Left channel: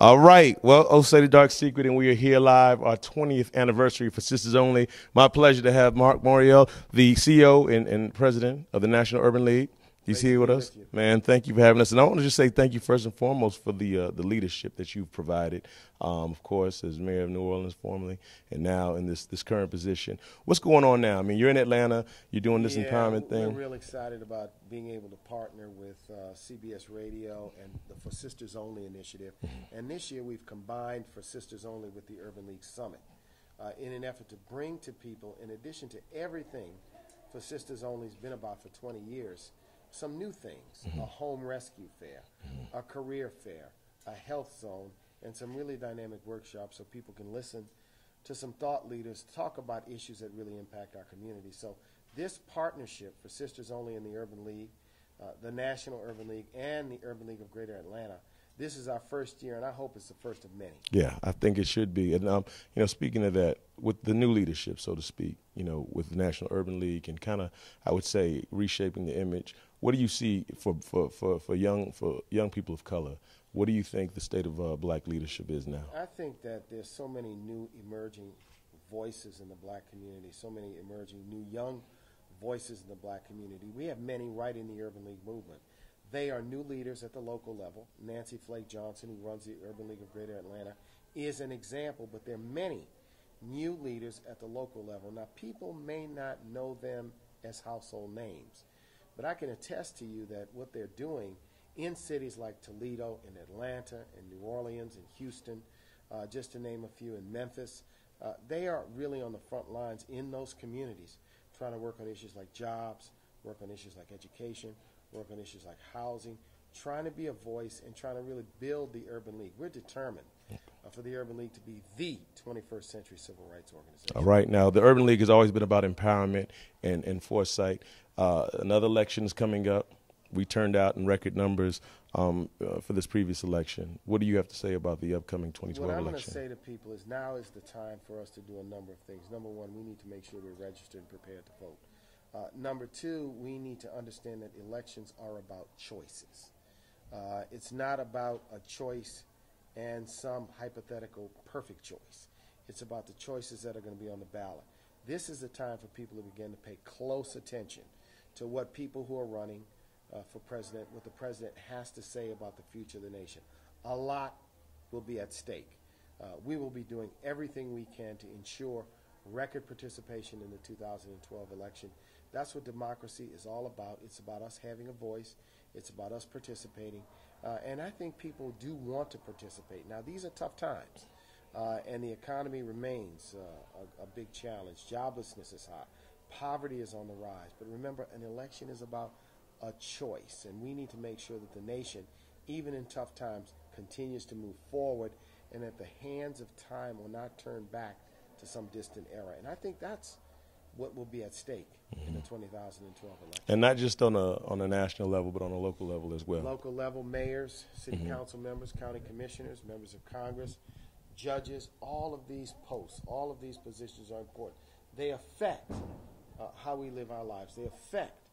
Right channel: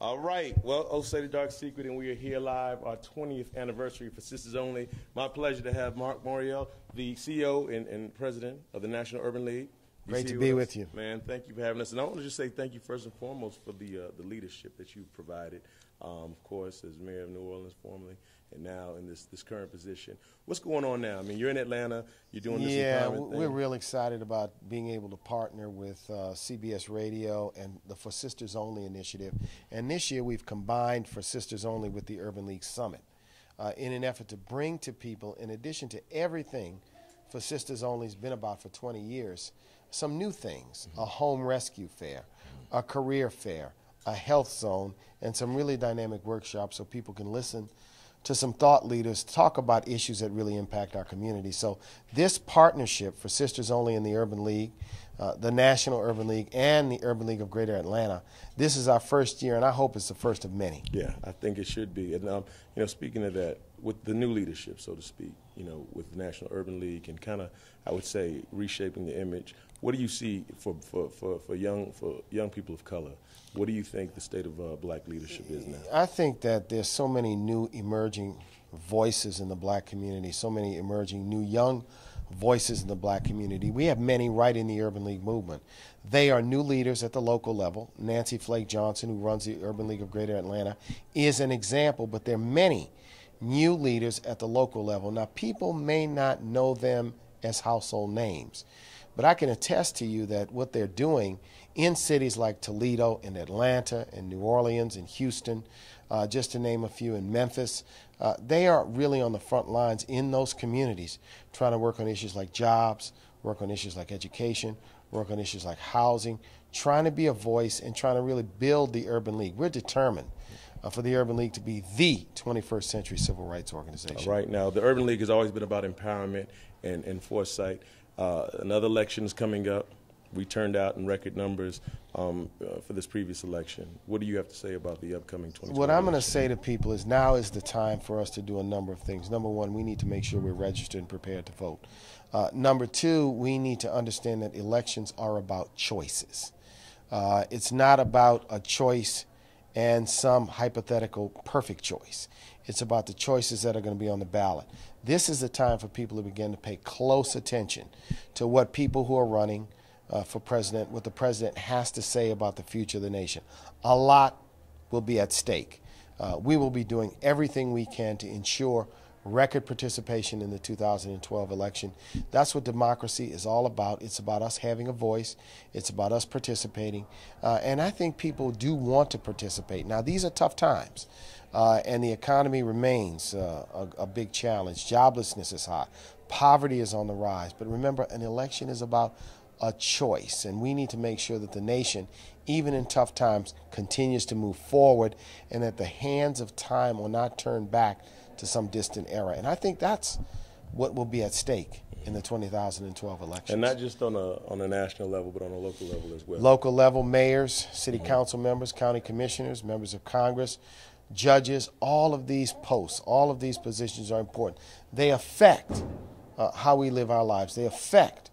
All right. Well, Oh Say the Dark Secret, and we are here live, our 20th anniversary for Sisters Only. My pleasure to have Marc Morial, the CEO and president of the National Urban League. He's here with us. Man, thank you for having us. And I want to just say thank you first and foremost for the leadership that you've provided, of course, as mayor of New Orleans formerly, and now in this current position. What's going on now? I mean, you're in Atlanta. You're doing this empowerment thing. We're real excited about being able to partner with CBS Radio and the For Sisters Only initiative. And this year we've combined For Sisters Only with the Urban League Summit in an effort to bring to people, in addition to everything For Sisters Only has been about for 20 years, some new things, a home rescue fair, a career fair, a health zone, and some really dynamic workshops so people can listen to some thought leaders talk about issues that really impact our community. So this partnership for Sisters Only in the Urban League, the National Urban League, and the Urban League of Greater Atlanta, this is our first year, and I hope it's the first of many. Yeah, I think it should be. And you know, speaking of that, with the new leadership, so to speak, you know, with the National Urban League and kind of, I would say, reshaping the image. What do you see for young people of color? What do you think the state of black leadership is now? I think that there's so many new emerging voices in the black community, so many emerging new young voices in the black community. We have many right in the Urban League movement. They are new leaders at the local level. Nancy Flake Johnson, who runs the Urban League of Greater Atlanta, is an example, but there are many new leaders at the local level. Now, people may not know them as household names, but I can attest to you that what they're doing in cities like Toledo and Atlanta and New Orleans and Houston, just to name a few, in Memphis, they are really on the front lines in those communities trying to work on issues like jobs, work on issues like education, work on issues like housing, trying to be a voice and trying to really build the Urban League. We're determined for the Urban League to be the 21st century civil rights organization. All right. Now, the Urban League has always been about empowerment and foresight. Another election is coming up. We turned out in record numbers for this previous election. What do you have to say about the upcoming 2020 What I'm election? going to say to people is now is the time for us to do a number of things. Number one, we need to make sure we're registered and prepared to vote. Number two, we need to understand that elections are about choices. It's not about a choice and some hypothetical perfect choice. It's about the choices that are going to be on the ballot. This is the time for people to begin to pay close attention to what people who are running for president, what the president has to say about the future of the nation. A lot will be at stake. We will be doing everything we can to ensure record participation in the 2012 election. That's what democracy is all about. It's about us having a voice. It's about us participating. And I think people do want to participate. Now, these are tough times. And the economy remains a big challenge. Joblessness is high. Poverty is on the rise. But remember, an election is about a choice, and we need to make sure that the nation, even in tough times, continues to move forward and that the hands of time will not turn back to some distant era. And I think that's what will be at stake in the 2012 elections. And not just on a national level, but on a local level as well. Local level, mayors, city council members, county commissioners, members of Congress, judges, all of these posts, all of these positions are important. They affect how we live our lives. They affect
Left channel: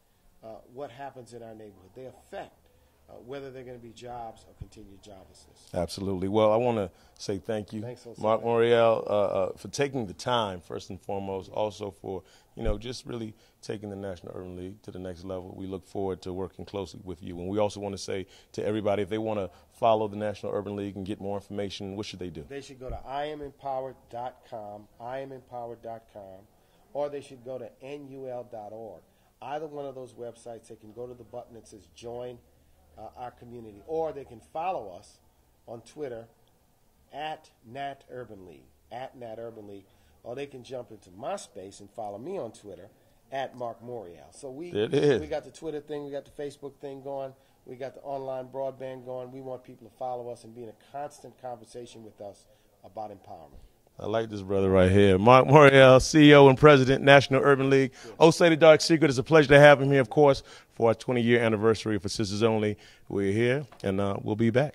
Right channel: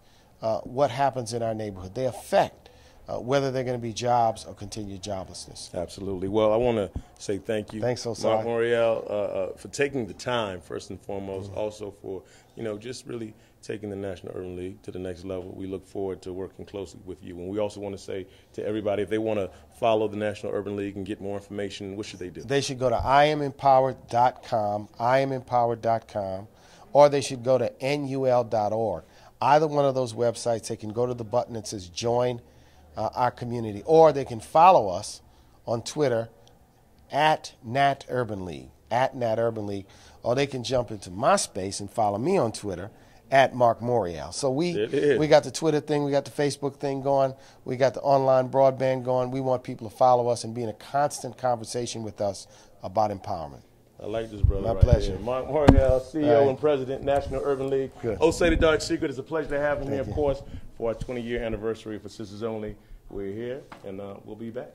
what happens in our neighborhood. They affect whether they're going to be jobs or continued joblessness. Absolutely. Well, I want to say thank you, Thanks, Marc Morial, for taking the time, first and foremost, also for, you know, just really taking the National Urban League to the next level. We look forward to working closely with you. And we also want to say to everybody, if they want to follow the National Urban League and get more information, what should they do? They should go to IamEmpowered.com, IamEmpowered.com, or they should go to NUL.org. Either one of those websites, they can go to the button that says Join Our Community, or they can follow us on Twitter at Nat Urban League, or they can jump into my space and follow me on Twitter at Marc Morial. So we got the Twitter thing, we got the Facebook thing going, we got the online broadband going. We want people to follow us and be in a constant conversation with us about empowerment. I like this brother right here. Marc Morial, CEO and President, National Urban League. Good. Oh Say the Dark Secret. It's a pleasure to have him here, of course, for our 20-year anniversary for Sisters Only. We're here, and we'll be back.